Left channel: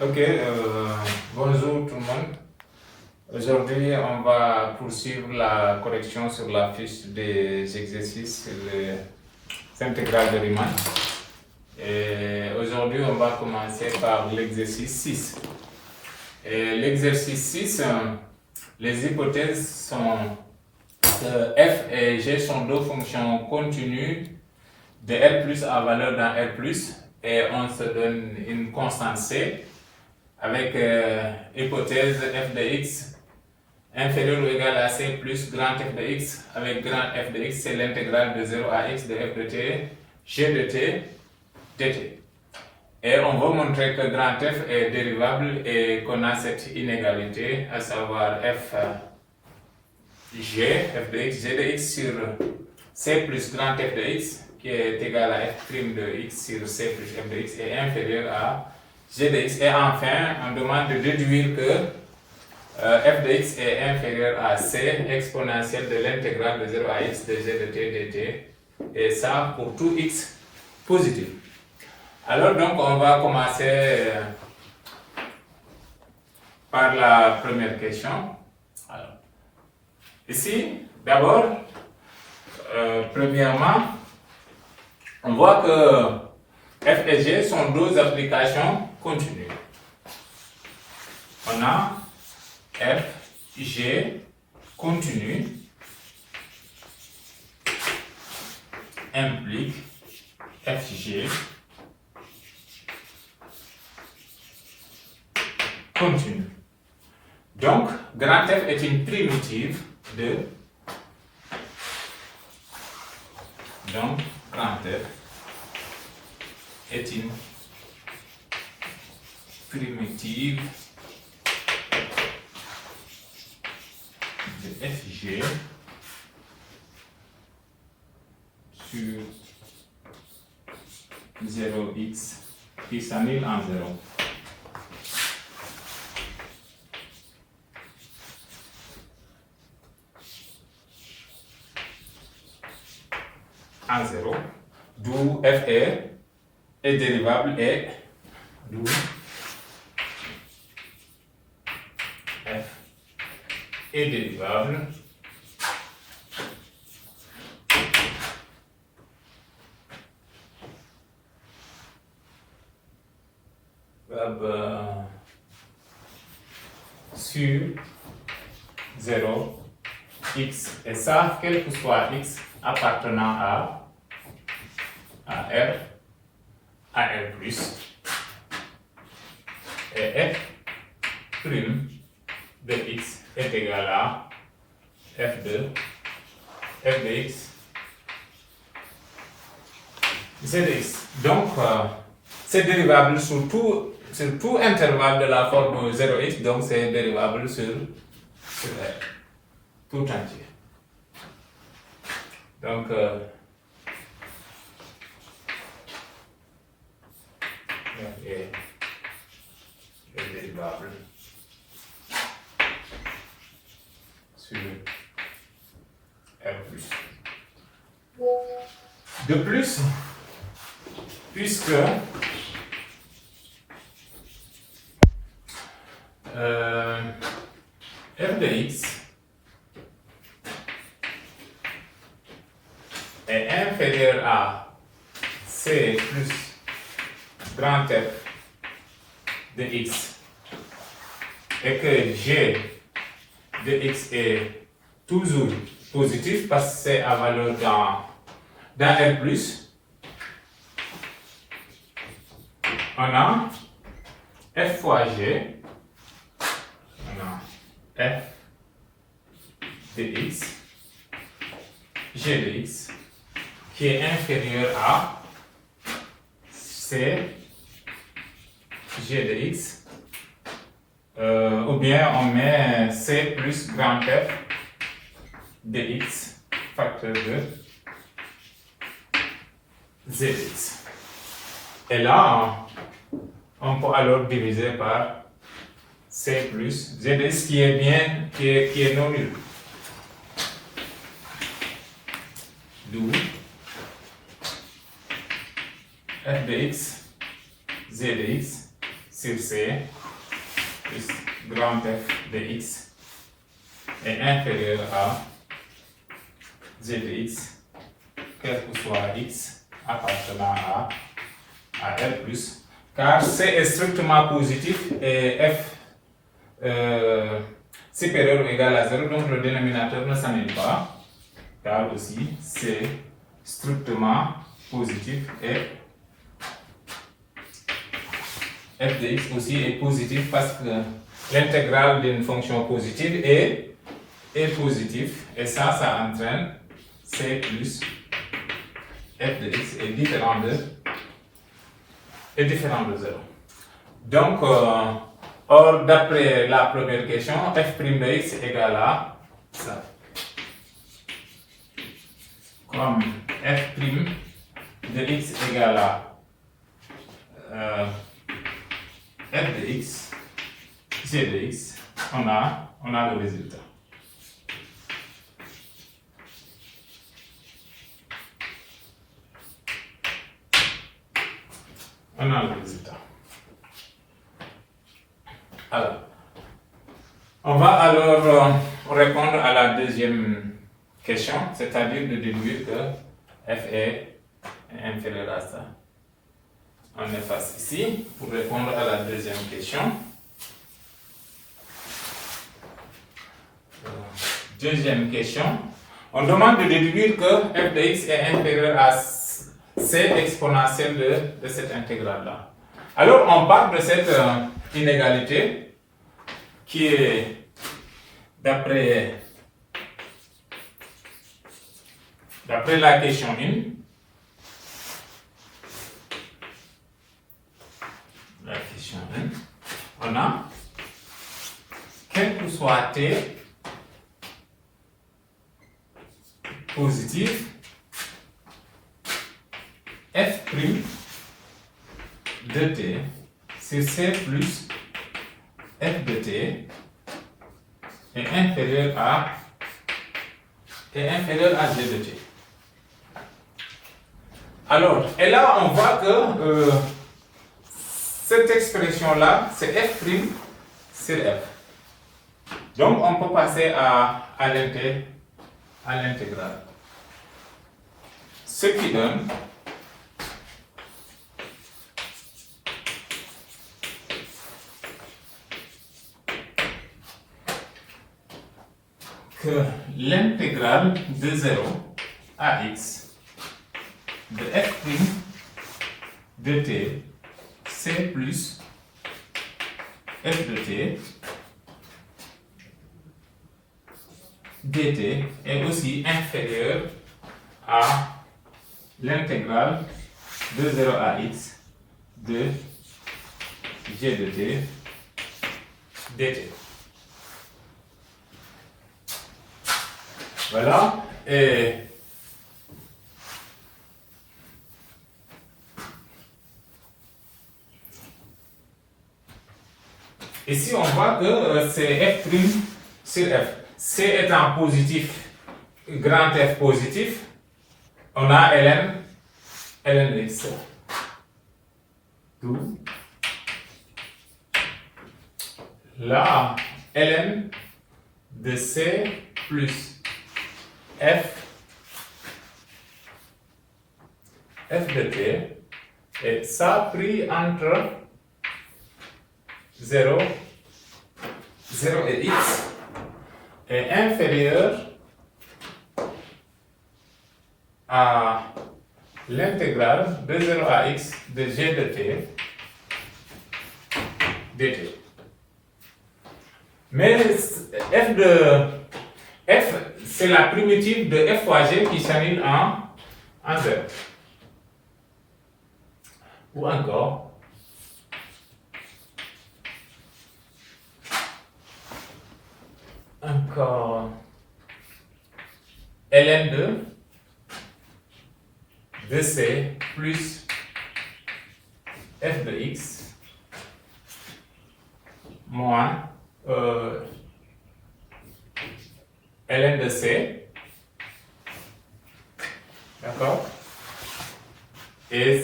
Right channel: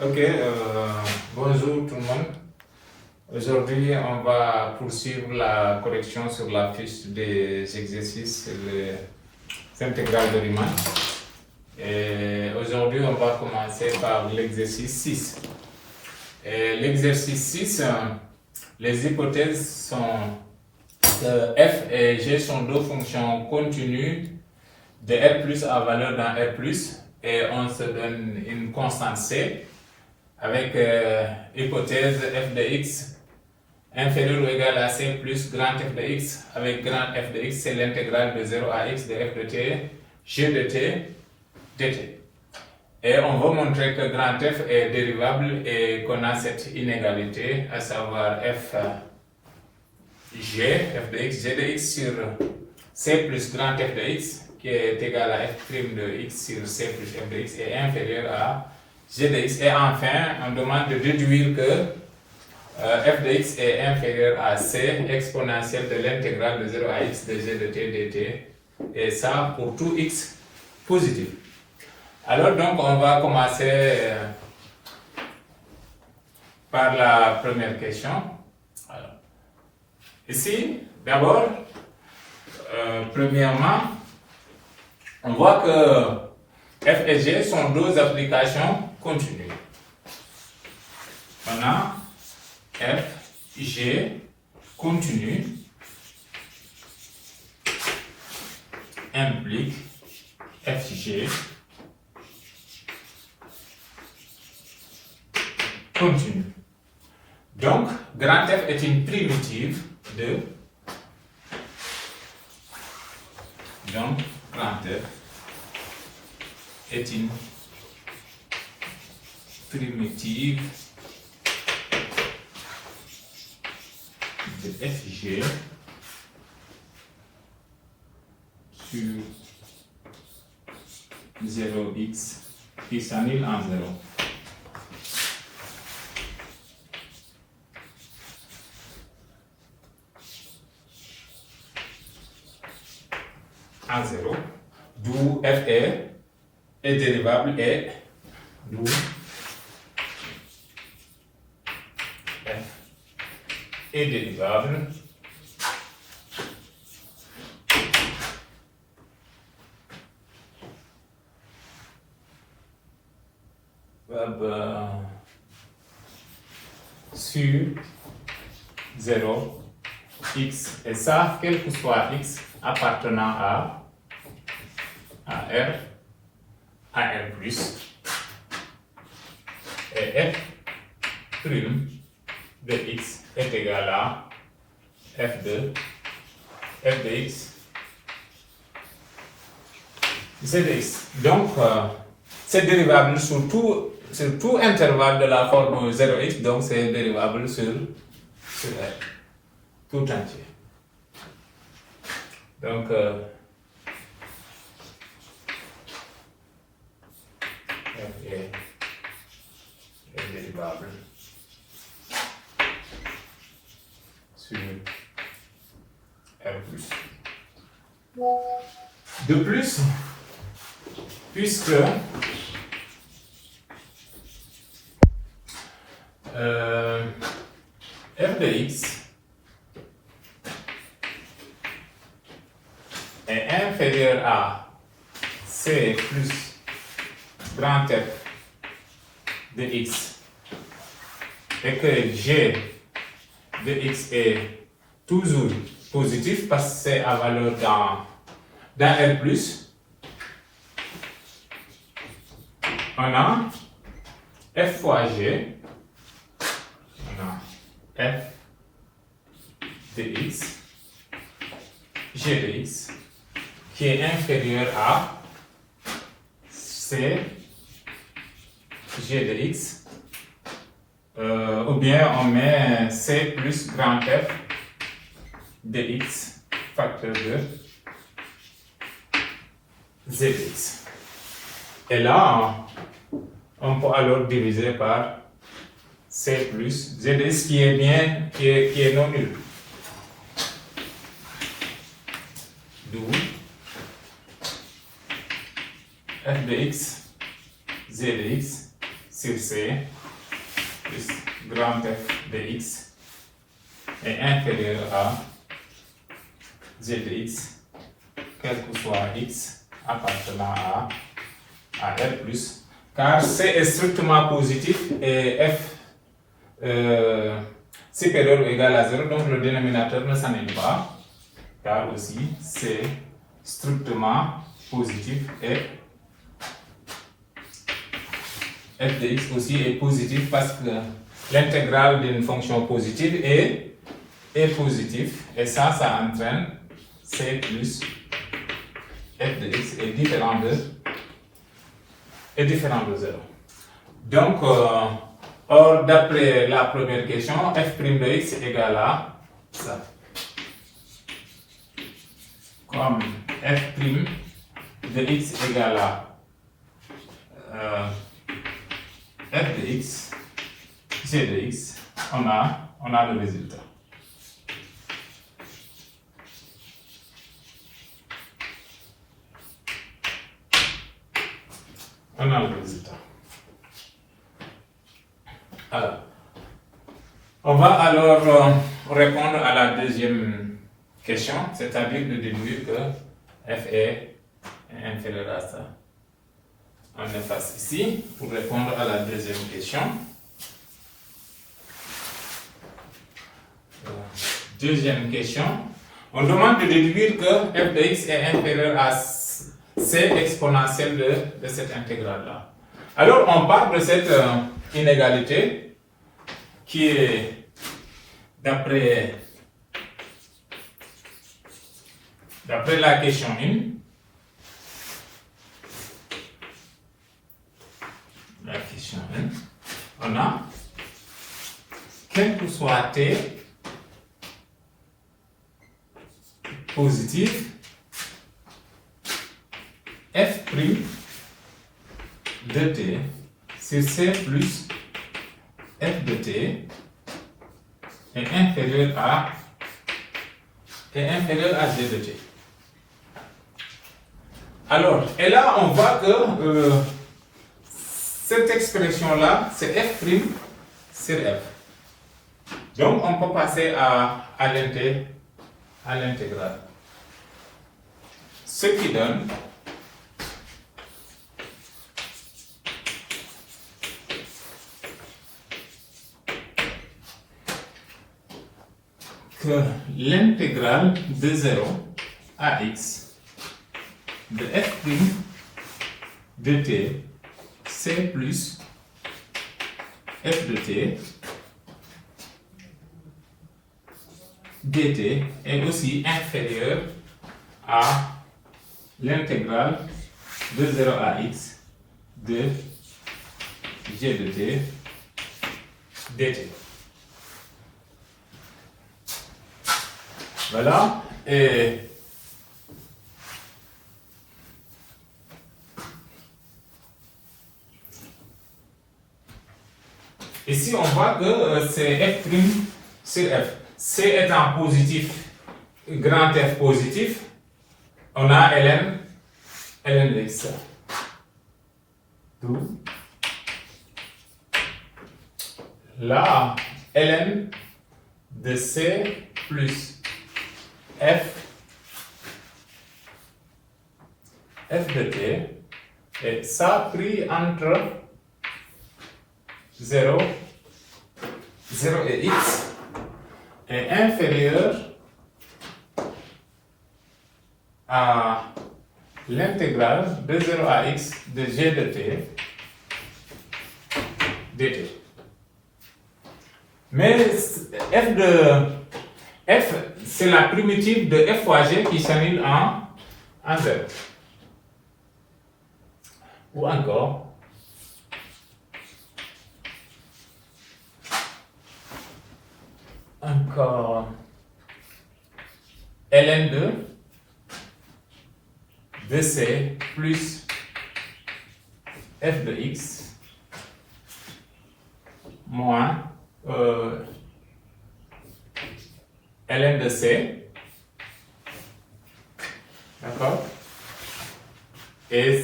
Ok, bonjour tout le monde. Aujourd'hui, on va poursuivre la correction sur la fiche des exercices les intégrales de Riemann. Et aujourd'hui, on va commencer par l'exercice 6. L'exercice 6, les hypothèses sont que f et g sont deux fonctions continues de R plus à valeur dans R plus et on se donne une constante C avec hypothèse f de x inférieur ou égal à c plus grand f de x avec grand f de x, c'est l'intégrale de 0 à x de f de t, g de t, dt. Et on va montrer que grand f est dérivable et qu'on a cette inégalité, à savoir f de x, g de x sur c plus grand f de x qui est égal à f' de x sur c plus f de x est inférieur à g de x. Et enfin, on demande de déduire que f de x est inférieur à c exponentielle de l'intégrale de 0 à x de g de t dt, et ça pour tout x positif. Alors donc on va commencer par la première question. Alors, ici, d'abord, premièrement, on voit que f et g sont deux applications continues. On a f, g continu implique fg continu. Donc, grand F est une primitive de. Donc, grand F est une primitive de fg sur 0x qui s'annule en 0. En 0, d'où f est dérivable et d'où f est dérivable sur 0 x, et ça quel que soit x appartenant à R, à R plus, et f prime de x est égal à f de x z de x. Donc, c'est dérivable sur tout intervalle de la forme 0x, donc c'est dérivable sur R, tout entier. Donc, f est dérivable sur R plus. De plus, puisque f de x est inférieur à c plus grand F de x et que g de x est toujours positif parce que c'est à valeur dans R+, on a f fois g, on a f de x, g de x, qui est inférieur à c g de x, ou bien on met c plus grand F de x facteur de z de x. Et là, on peut alors diviser par c plus z de x qui est non nul. D'où f de x, z de x, sur C plus grand F de x est inférieur à g de x, quel que soit x appartenant à R plus, car C est strictement positif et F supérieur ou égal à 0, donc le dénominateur ne s'annule pas, car aussi c'est strictement positif et f de x aussi est positif parce que l'intégrale d'une fonction positive est positif et ça entraîne c plus f de x est différent de 0. Donc, or d'après la première question, f' de x est égal à ça. Comme f' de x est égal à f de x, g de x, on a le résultat. On a le résultat. Alors, on va alors répondre à la deuxième question, c'est-à-dire de déduire que f est inférieur à ça. On efface ici pour répondre à la deuxième question. Deuxième question, on demande de déduire que f de x est inférieur à c exponentielle de cette intégrale-là. Alors, on part de cette inégalité qui est, d'après la question 1, on a, quel que soit t positif, f' de t sur c plus f de t est inférieur à g de t. Alors, et là, on voit que cette expression-là, c'est f' sur f. Donc, on peut passer à l'intégrale. Ce qui donne que l'intégrale de 0 à x de f' de t c plus f de t dt est aussi inférieur à l'intégrale de 0 à x de g de t dt. Voilà. Et ici, on voit que c'est f' sur f. C étant positif, grand F positif, on a ln de x. D'où là, ln de C plus f de t, et ça pris entre 0 et x est inférieur à l'intégrale de 0 à x de g de t dt. Mais f, c'est la primitive de f fois g qui s'annule en 0. Ou encore, ln de c plus f de x moins ln de c, d'accord, et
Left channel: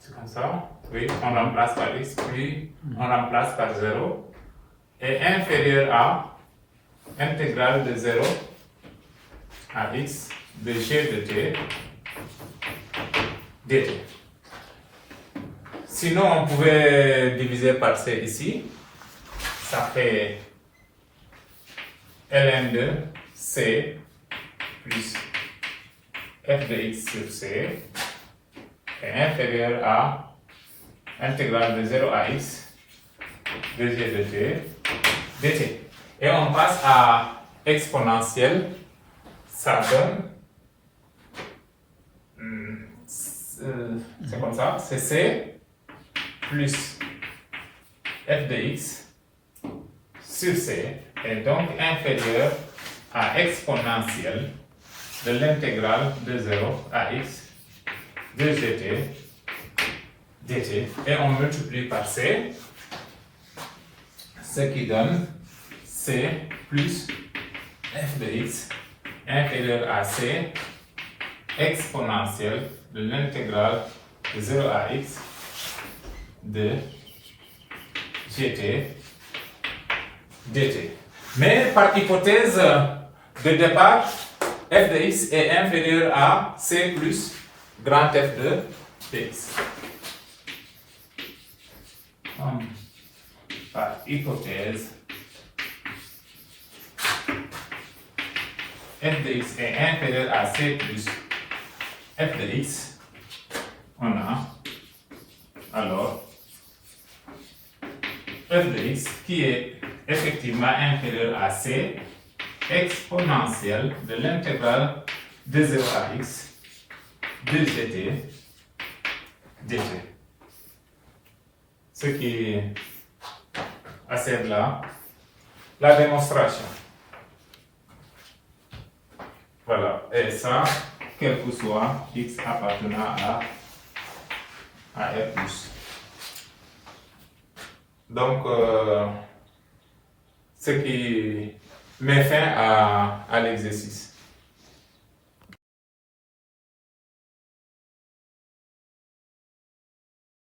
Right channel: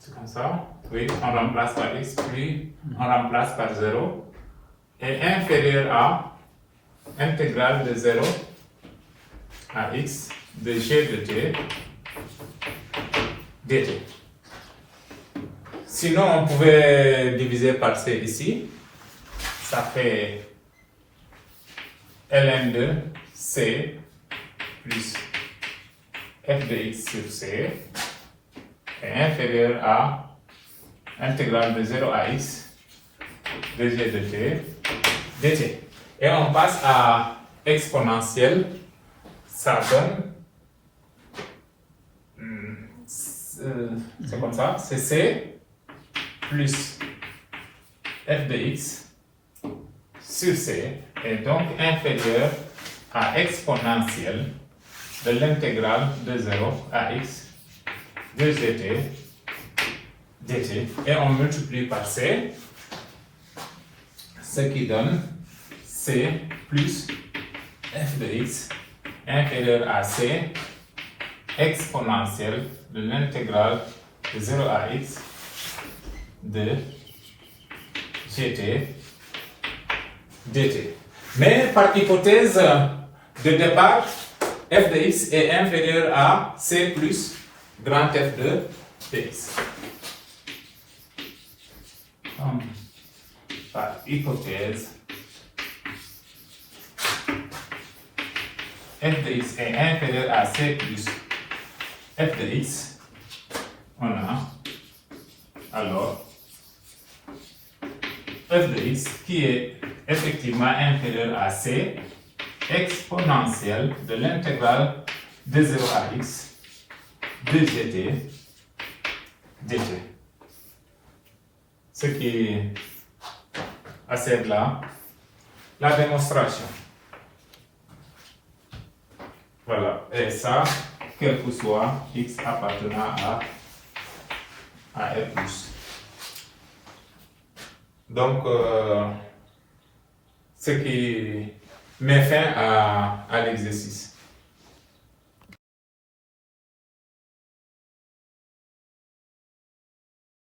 c'est comme ça, Oui, on remplace par x, puis on remplace par 0, est inférieur à intégrale de 0 à x de g de t dt. Sinon, on pouvait diviser par c ici. Ça fait ln de c plus f de x sur c est inférieur à intégrale de 0 à x de g de t dt. Et on passe à exponentielle. Ça donne, c'est comme ça, c'est c plus f de x sur c est donc inférieur à exponentielle de l'intégrale de 0 à x de gt dt. Et on multiplie par c, ce qui donne c plus f de x inférieur à c exponentielle de l'intégrale de 0 à x de gt dt. Mais par hypothèse de départ, f de x est inférieur à c plus grand F de dx. Par hypothèse, f de x est inférieur à c plus f de x, on a alors f de x qui est effectivement inférieur à c exponentielle de l'intégrale de 0 à x de gt dt. Ce qui assure là la démonstration. Voilà, et ça, quel que soit x appartenant à R+. Donc, ce qui met fin à l'exercice.